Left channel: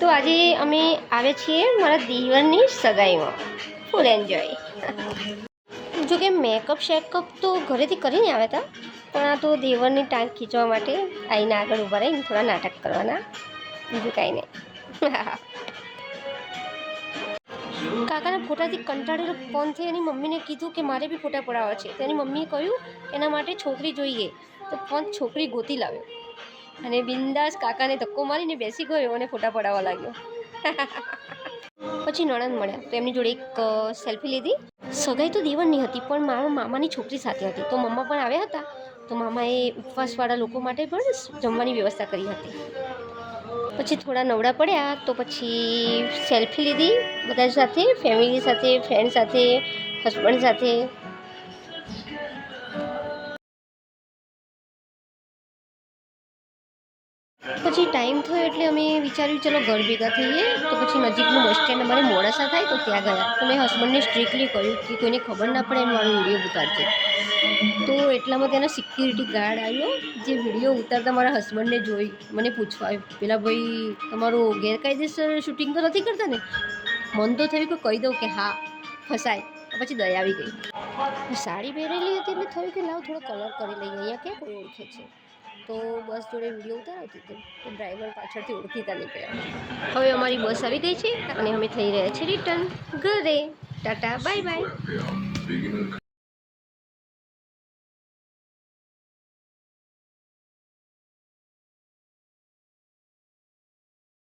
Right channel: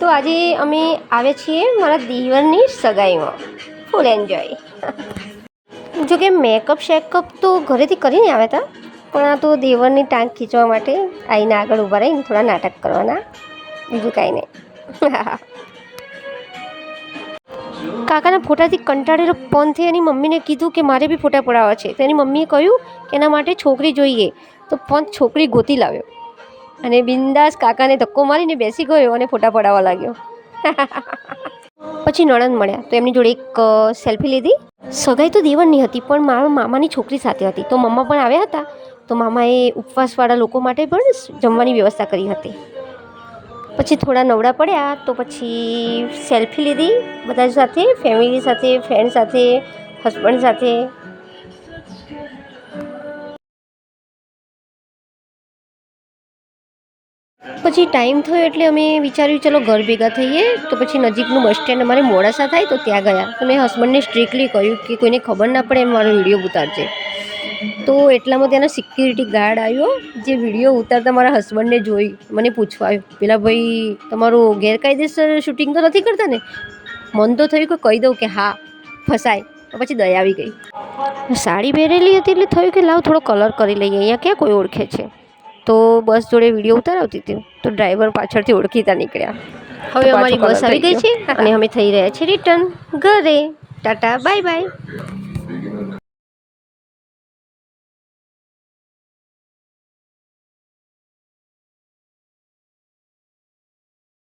તો આજે અમે આવે છીએ મારા દીવરની સગાઈમાં ફૂલ એન્જોય. જોકે મેકઅપ શેકઅપ તો ઘરેથી કરીને આવ્યા હતા, પણ આ તો દેવરની ટાંગ ખીંચવા માટે આવીને આગળ ઊભા રહીને થોડા નાટક કરવાના, બીજું કાંઈ નહીં. કાકાના ફોટાથી કંટાળેલો પનથી એની મમ્મીને કીધું કે મારે બી ફોટા પડાવવા છે. તો એની મમ્મીએ કહ્યું કે એના માટે છોકરી જોઈએ. તો પન છોકરી ગોતી લાવ્યો અને બિંદાસ કાકાને ધક્કો મારીને બેસી ગયો અને ફોટા પડાવવા લાગ્યો. પછી નણંદ મળ્યા તો એમની જોડે એક સેલ્ફી લીધી. સગાઈ તો દેવરની હતી, પણ મારા મામાની છોકરી સાથે હતી. તો મમ્મા પણ આવ્યા હતા. તો મામાએ ઉપવાસવાળા લોકો માટે પણ જમવાની વ્યવસ્થા કરી હતી. પછી થોડા નવડા પડ્યા તો પછી સેલ્ફી લીધી બધા સાથે, ફેમિલી સાથે, ફ્રેન્ડ સાથે, હસબન્ડ સાથે. પછી ટાઈમ થયો એટલે અમે વિચાર્યું ચલો ઘર ભેગા થઈએ. તો પછી નજીકનું બસ સ્ટેન્ડ અમારે મોડાસા થાય તો ત્યાં ગયા. તો મેં હસબન્ડને સ્ટ્રિક્ટલી કહ્યું કે કોઈને ખબર ના પડે એમ મારો વિડીયો ઉતારજે. તો એટલામાં ત્યાંનો સિક્યુરિટી ગાર્ડ આવ્યો, જે વિડીયો ઉતારતા મારા હસબન્ડને જોઈ મને પૂછવા આવ્યો, પેલા ભાઈ તમારું ગેરકાયદેસર શૂટિંગ તો નથી કરતા ને? મન તો થયું કે કહી દઉં કે હા, ફસાય. તો પછી દયા આવી ગઈ. સાડી પહેરેલી હતી એટલે થયું કે લાવ થોડો કલર કરી લઈએ, અહીંયા ક્યાં કોઈ ઓળખે છે. તો બસ જોડે વિડીયો ઉતારતી હતી તો ડ્રાઈવર પાછળથી ઓળખીતા નીકળ્યા. હવે અમારી બસ આવી ગઈ છે અને અમે થઈ રહ્યા છીએ રિટર્ન ઘરે. Tata bye bye.